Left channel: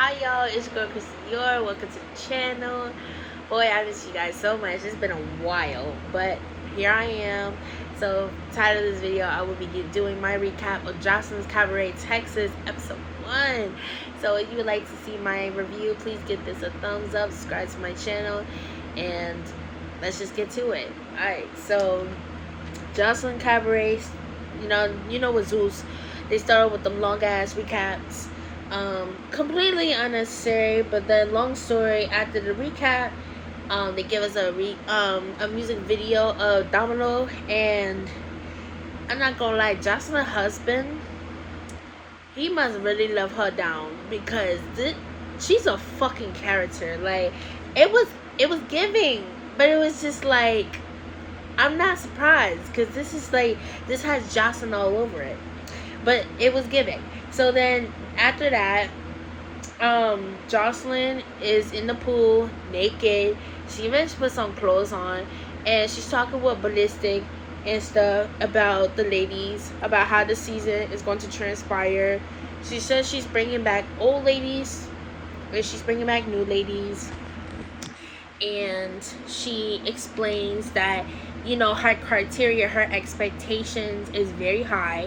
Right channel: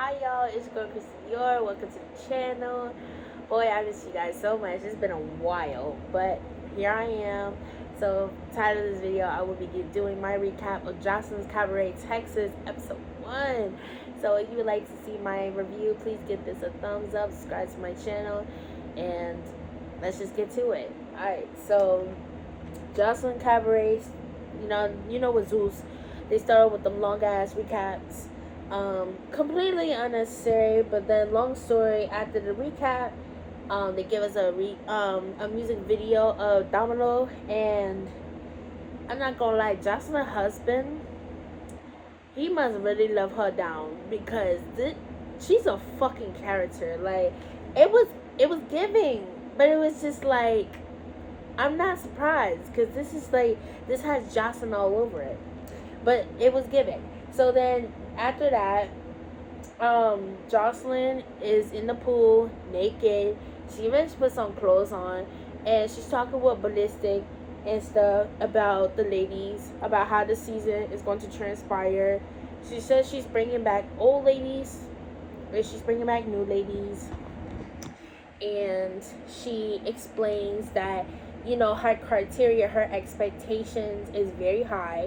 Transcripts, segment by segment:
Hi y'all, it's your girl Kristen Dior. Welcome to the channel. Boy, I miss you guys so much. It's been a while, but here I am. So, title of this video, I will be doing my recap of Joseline's Cabaret, Texas, episode 1. So, if you would like to see my review, please give this a thumbs up, subscribe to my channel, and let's just get to it. Alright, so Joseline Cabaret, you know what Zeus. They started with them long ass recaps. Completely unnecessary, but then long story after the recap, they give us a music video of Domino, and I'm not gonna lie, Joseline's husband, he must really love her down because she's a fucking character. Like it was giving, but it was just like I'm not surprised because this has Jocelyn all over it, but it was giving. So then after that, Jocelyn is in the pool naked. She even put some clothes on, and she's talking with Ballistic and stuff about the ladies, about how the season is going to transpire. She says she's bringing back old ladies, and she's bringing back new ladies. And she explains that, her criteria, her expectations is very high.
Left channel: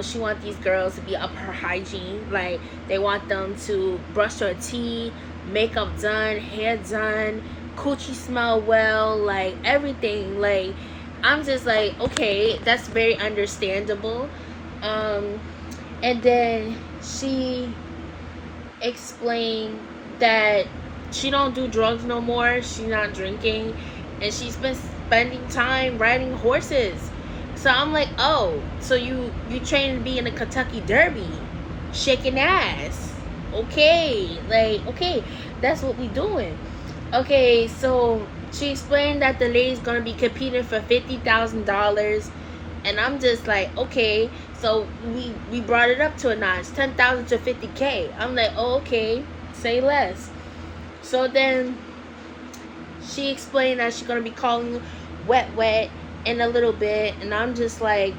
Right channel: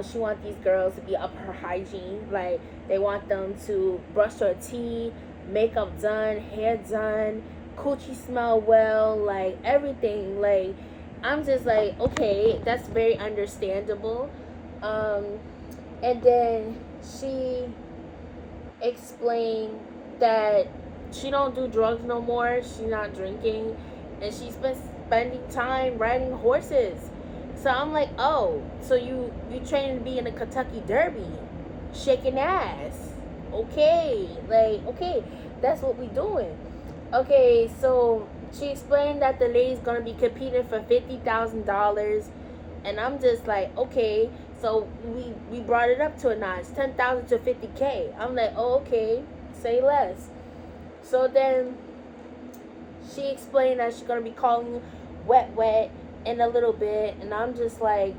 She wants these girls to be up her hygiene. Like, they want them to brush their teeth, makeup done, hair done, coochie smell well, like everything. Like, I'm just like, okay, that's very understandable. And then she explained that she don't do drugs no more. She's not drinking, and she's been spending time riding horses. So I'm like, oh, so you trained to be in the Kentucky Derby, shaking ass. Okay, like, okay, that's what we doing. Okay, so she explained that the lady's gonna be competing for $50,000, and I'm just like, okay, so we brought it up to a notch, 10,000 to 50K. I'm like, oh, okay, say less. So then she explained that she's gonna be calling Wet Wet in a little bit, and I'm just like,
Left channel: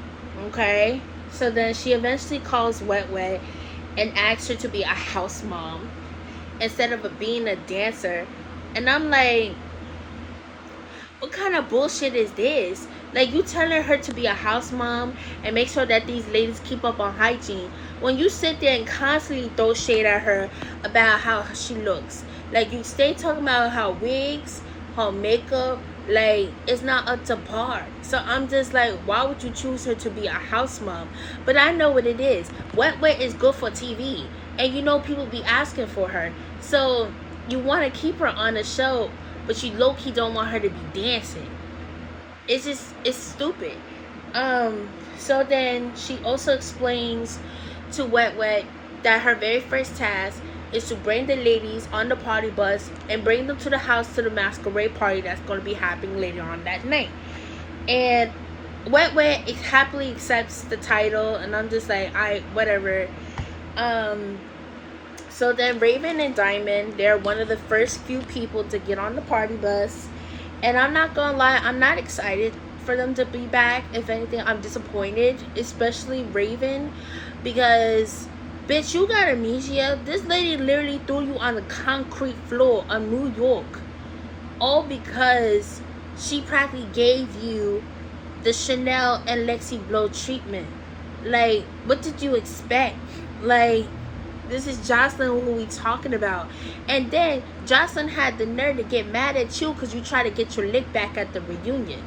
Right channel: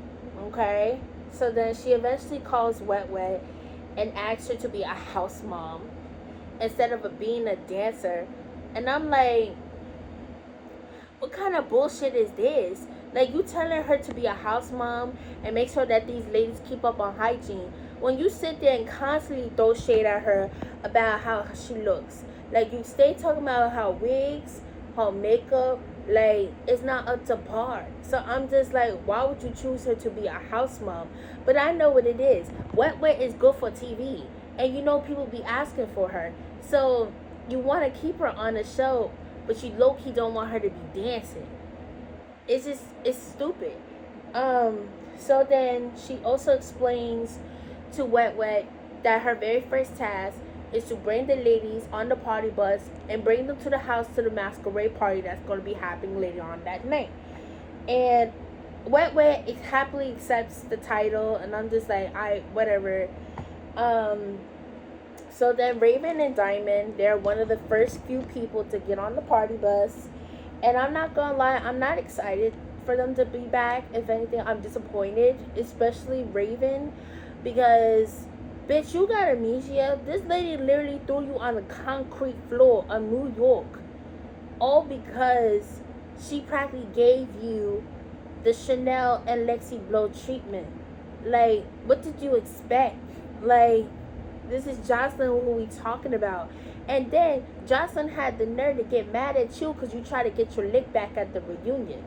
okay. So then she eventually calls Wet Wet and asks her to be a house mom instead of being a dancer. And I'm like, what kind of bullshit is this? Like, you telling her to be a house mom and make sure that these ladies keep up on hygiene, when you sit there and constantly throw shade at her about how she looks. Like, you stay talking about her wigs, her makeup, like, it's not up to par. So I'm just like, why would you choose her to be a house mom? But I know what it is. Wet Wet is good for TV, and people be asking for her. So you want to keep her on the show, but you low-key don't want her to be dancing. It's stupid. So then she also explains to Wet Wet that her very first task is to bring the ladies on the party bus and bring them to the house to the masquerade party that's going to be happening later on that night. And Wet Wet happily accepts the title, and I'm just like, whatever. So then Raven and Diamond, they're one of the first few people to get on the party bus. And I'm not gonna lie, I'm not excited for them to be back. If anything, I'm disappointed, especially Raven, because, bitch, you got amnesia. This lady literally threw you on the concrete floor of New York, all because she practically gave you the Chanel and Lexi Blow treatment. Like, what did you expect? Like, this is Jocelyn who we talking about. And then Jocelyn had the nerve to get mad at you because you try to get your lick back at the reunion.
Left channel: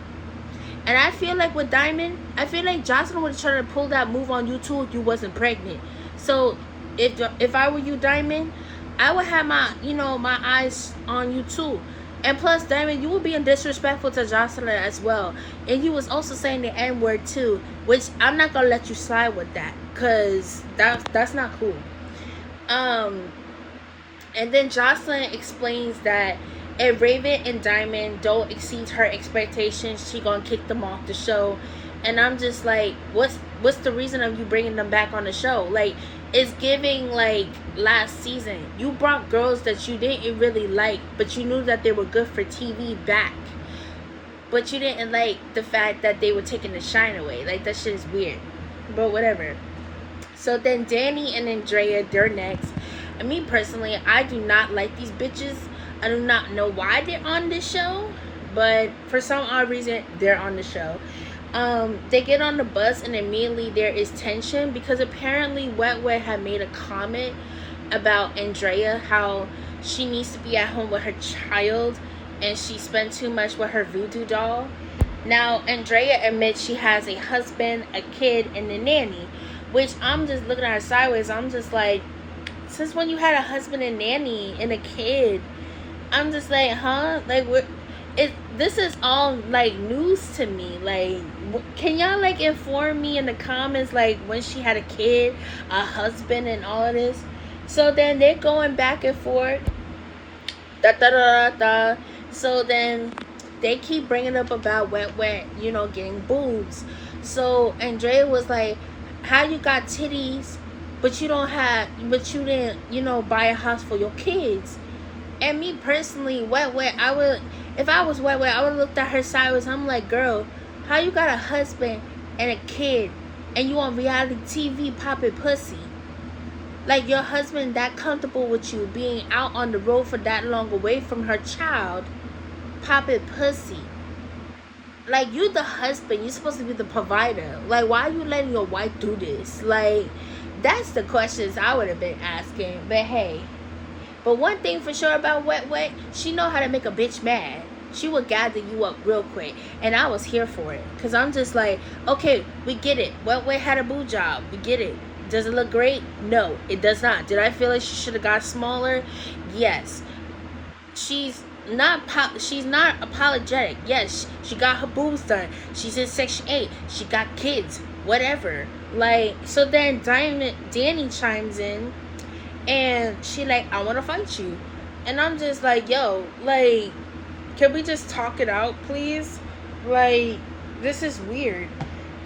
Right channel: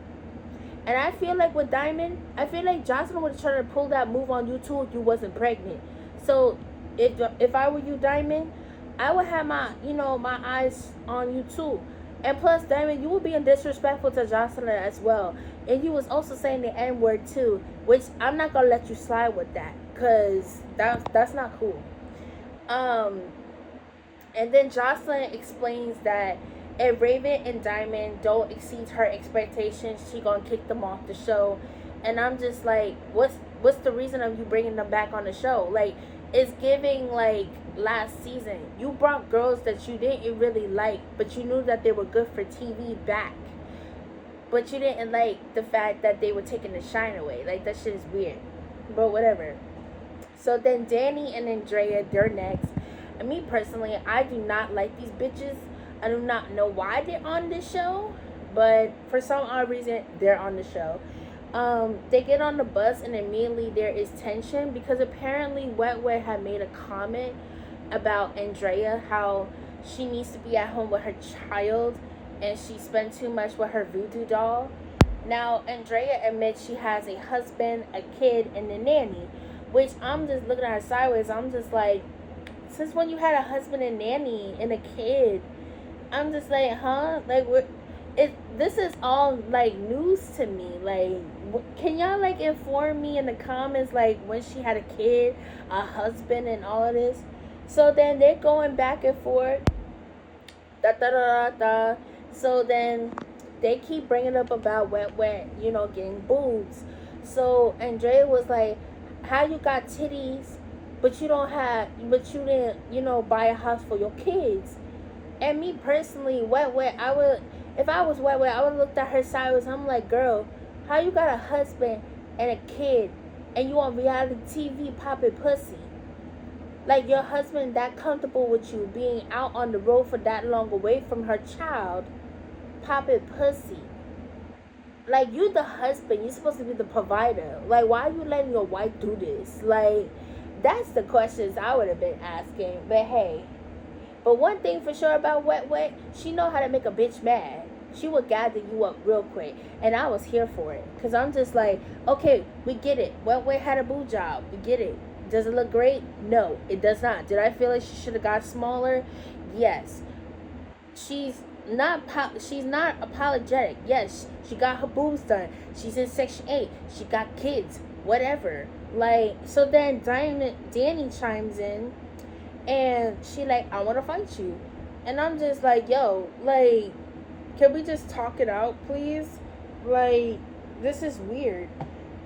And I feel like with Diamond, I feel like Jocelyn would have tried to pull that move on you too if you wasn't pregnant. So if I were you, Diamond, I would have my eyes on you too. And plus, Diamond, you were being disrespectful to Jocelyn as well. And you was also saying the N-word too, which I'm not gonna let you slide with that, because that's not cool. And then Jocelyn explains that if Raven and Diamond don't exceed her expectations, she gonna kick them off the show. And I'm just like, what's the reason of you bringing them back on the show? Like, it's giving like last season. You brought girls that you didn't really like, but you knew that they were good for TV back. But you didn't like the fact that they were taking the shine away. Like, that shit is weird. But whatever. So then Danny and Andrea, they're next. me personally, I do not like these bitches. I do not know why they're on this show, but for some odd reason, they're on the show. They get on the bus and immediately there is tension because apparently Wet Wet had made a comment about Andrea, how she needs to be at home with her child and she spent too much with her voodoo doll. Now, Andrea admits she has a husband, a kid, and a nanny, which I'm just looking at her sideways. I'm just like, since when you had a husband and nanny and a kid? I'm just like, huh? Like, what? This is all like news to me. Like, can y'all like inform me in the comments like when she had a kid, a husband, and all of this? So then they're going back and forth. Da da da da da. So then they keep bringing up about Wet Wet, getting boobs. So Andrea was like, "How you got titties, but you didn't, buy a house for your kids?" And me personally, Wet Wet, if I was Wet Wet, I would have looked at her sideways. I'm like, girl, how you got a husband and a kid, and you on reality TV popping pussy? Like, your husband that comfortable with you being out on the road for that long away from her child, popping pussy. Like, you the husband, you're supposed to be the provider. Like, why are you letting your wife do this? Like, that's the questions I would have been asking. But hey. But one thing for sure about Wet Wet, she know how to make a bitch mad. She would gather you up real quick. And I was here for it. Because I'm just like, okay, we get it. Wet Wet had a boob job. We get it. Does it look great? No, it does not. Did I feel like she should have got smaller? Yes. She's not apologetic. Yes, she got her boobs done. She's in Section 8. She got kids. Whatever. Like, so then Danny chimes in. And she like, I want to fight you. And I'm just like, yo, like, can we just talk it out, please? Like, this is weird.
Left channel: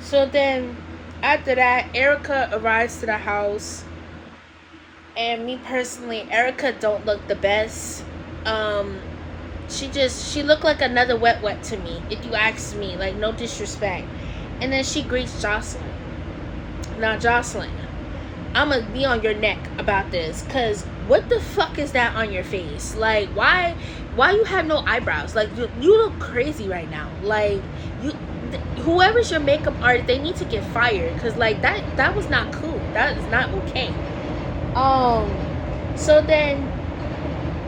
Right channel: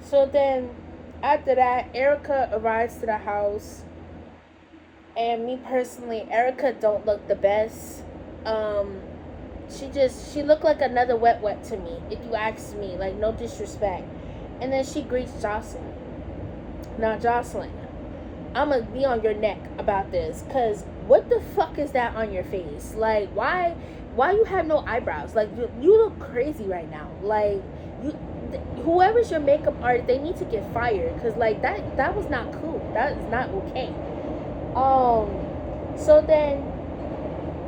So then, after that, Erica arrives to the house. And me personally, Erica don't look the best. She looked like another Wet Wet to me, if you ask me. Like, no disrespect. And then she greets Joseline. Now, Joseline, I'm gonna be on your neck about this, cause what the fuck is that on your face? Like, why you have no eyebrows? Like, you look crazy right now. Like, whoever's your makeup artist, they need to get fired, cause like that was not cool. That is not okay. So then,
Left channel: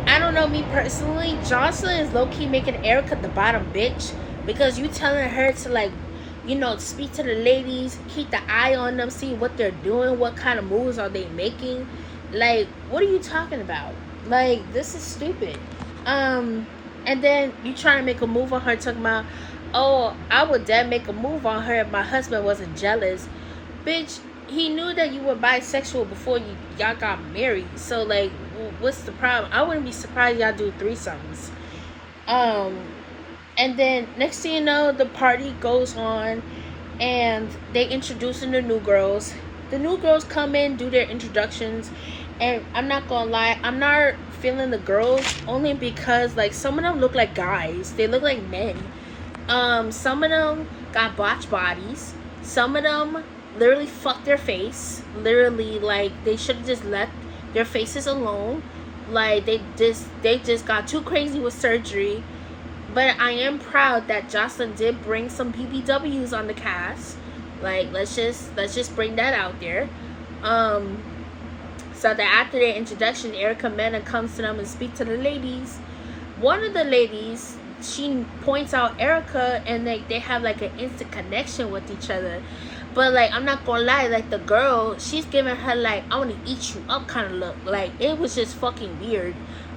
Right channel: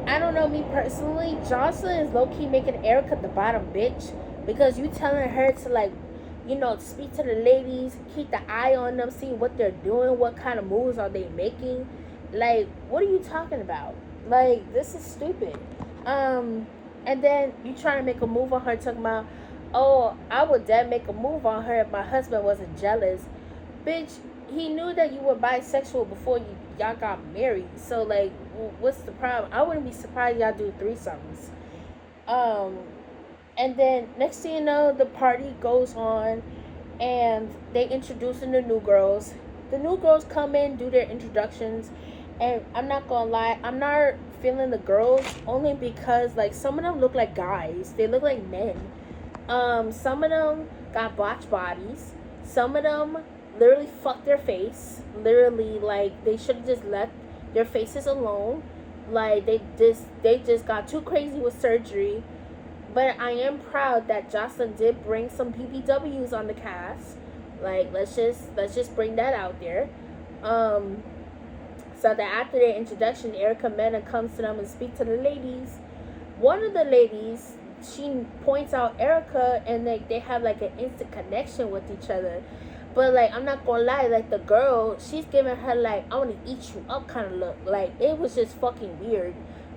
I don't know, me personally, Joseline is low key making Erica the bottom bitch, because you telling her to like, speak to the ladies, keep the eye on them, see what they're doing, what kind of moves are they making. Like, what are you talking about? Like, this is stupid. And then you trying to make a move on her, talking about, oh, I would then make a move on her if my husband wasn't jealous. Bitch, he knew that you were bisexual before y'all got married. So, like, what's the problem? I wouldn't be surprised y'all do threesomes. And then next thing you know, the party goes on and they introducing the new girls. The new girls come in, do their introductions, and I'm not gonna lie, I'm not feeling the girls only because like some of them look like guys. They look like men. Some of them got botched bodies. Some of them literally fucked their face. Literally, like, they should have just left their faces alone. Like, they just got too crazy with surgery. But I am proud that Joseline did bring some BBWs on the cast. Like, let's just bring that out there. So that after their introduction, Erica Mena comes to them and speak to the ladies. One of the ladies, she points out Erica, and they have like an instant connection with each other. But like, I'm not gonna lie, like the girl, she's giving her like, I want to eat you up kind of look. Like, it was just fucking weird.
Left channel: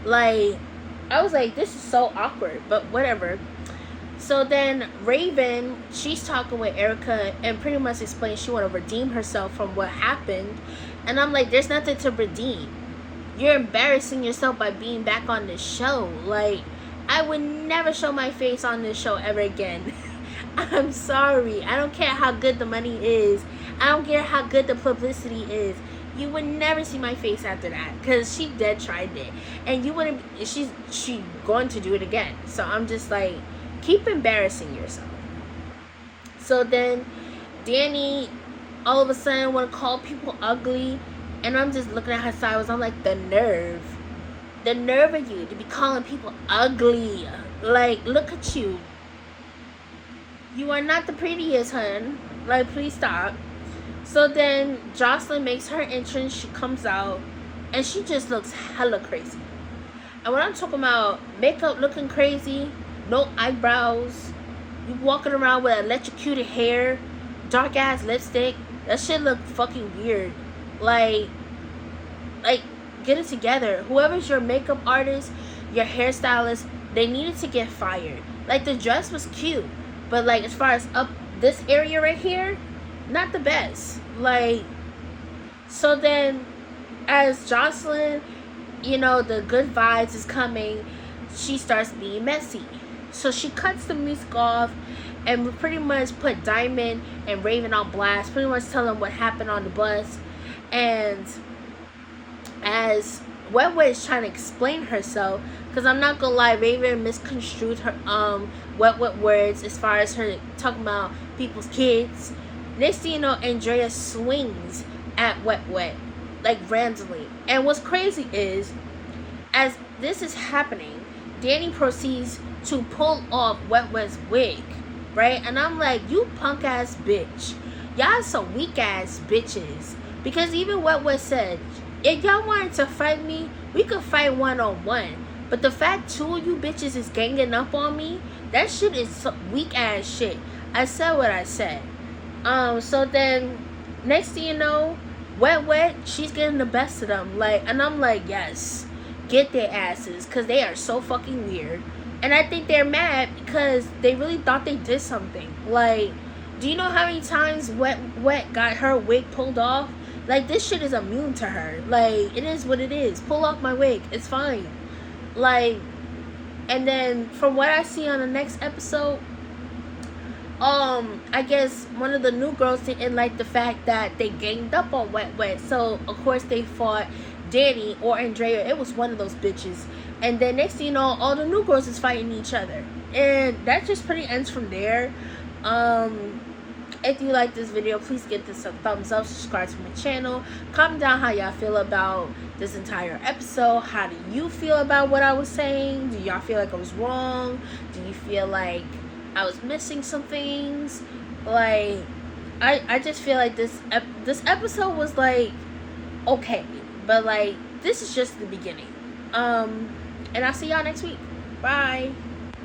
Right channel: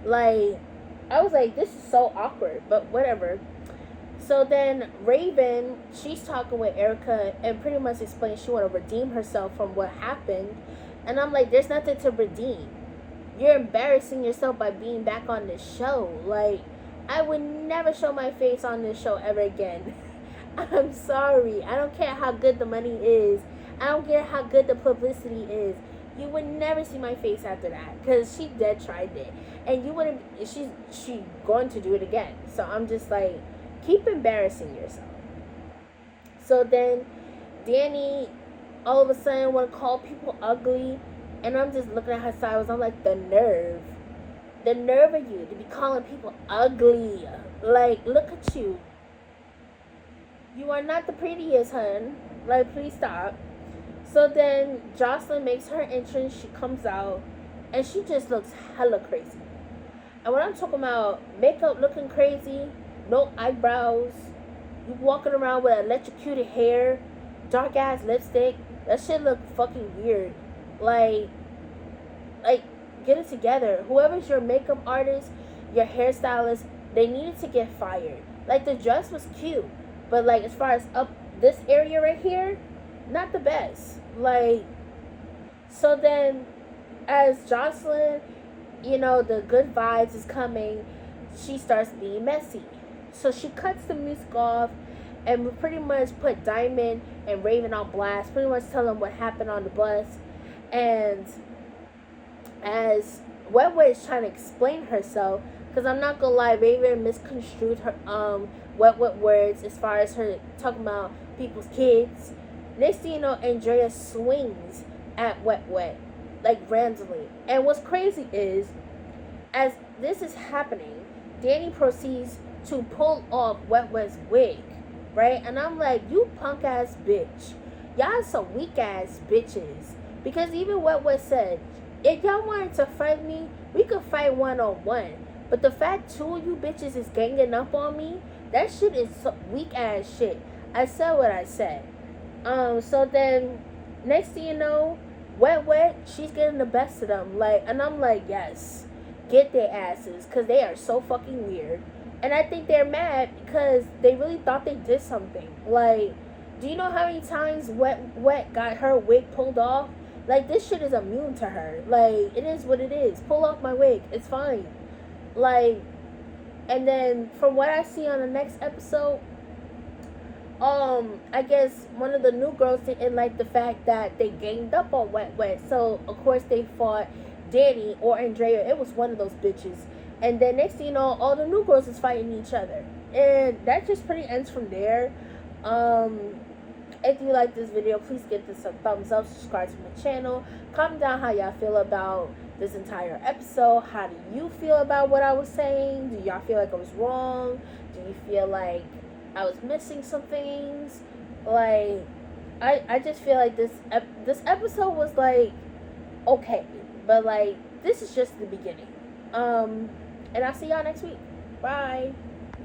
Like, I was like, this is so awkward, but whatever. So then Raven, she's talking with Erica and pretty much explains she want to redeem herself from what happened. And I'm like, there's nothing to redeem. You're embarrassing yourself by being back on the show. Like, I would never show my face on this show ever again. I'm sorry. I don't care how good the money is. I don't care how good the publicity is. You would never see my face after that, because she dead tried it, and you wouldn't. She's going to do it again. So I'm just like, keep embarrassing yourself. So then Danny all of a sudden want to call people ugly, And I'm just looking at her sideways. I'm like, the nerve of you to be calling people ugly. Like, look at you. You are not the prettiest, hun. Like, please stop. So then Joseline makes her entrance. She comes out, and she just looks hella crazy. And when I'm talking about makeup looking crazy, no eyebrows, you walking around with electrocuted hair, dark ass lipstick, that shit look fucking weird. Like, get it together. Whoever's your makeup artist, your hairstylist, they needed to get fired. Like, the dress was cute, but like as far as up this area right here, not the best. Like, so then as Joseline, you know, the good vibes is coming, she starts being messy. So she cuts the music off and we pretty much put Diamond and Raven on blast, pretty much tell them what happened on the bus. And as Wet is trying to explain herself, because I'm not gonna lie, Raven misconstrued her Wet words as far as her talking about people's kids. Next thing you know, Andrea swings at Wet like randomly. And what's crazy is, as this is happening, Danny proceeds to pull off Wet's wig, right? And I'm like, you punk ass bitch. Y'all some weak ass bitches. Because even Wet said, if y'all wanted to fight me, we could fight one-on-one. But the fact two of you bitches is ganging up on me, that shit is some weak ass shit. I said what I said. So then, next thing you know, Wet, she's getting the best of them. Like, and I'm like, yes, get their asses, because they are so fucking weird. And I think they're mad because they really thought they did something. Like, do you know how many times Wet got her wig pulled off? Like, this shit is immune to her. Like, it is what it is. Pull off my wig. It's fine. Like, and then from what I see on the next episode, I guess one of the new girls didn't like the fact that they ganged up on Wet. So, of course, they fought Danny or Andrea. It was one of those bitches. And then next thing you know, all the new girls is fighting each other. And that just pretty ends from there. If you like this video, please give this a thumbs up, subscribe to my channel, comment down how y'all feel about this entire episode. How do you feel about what I was saying? Do y'all feel like I was wrong? Do you feel like I was missing some things? Like, I just feel like this episode was like okay, but like this is just the beginning. And I'll see y'all next week. Bye.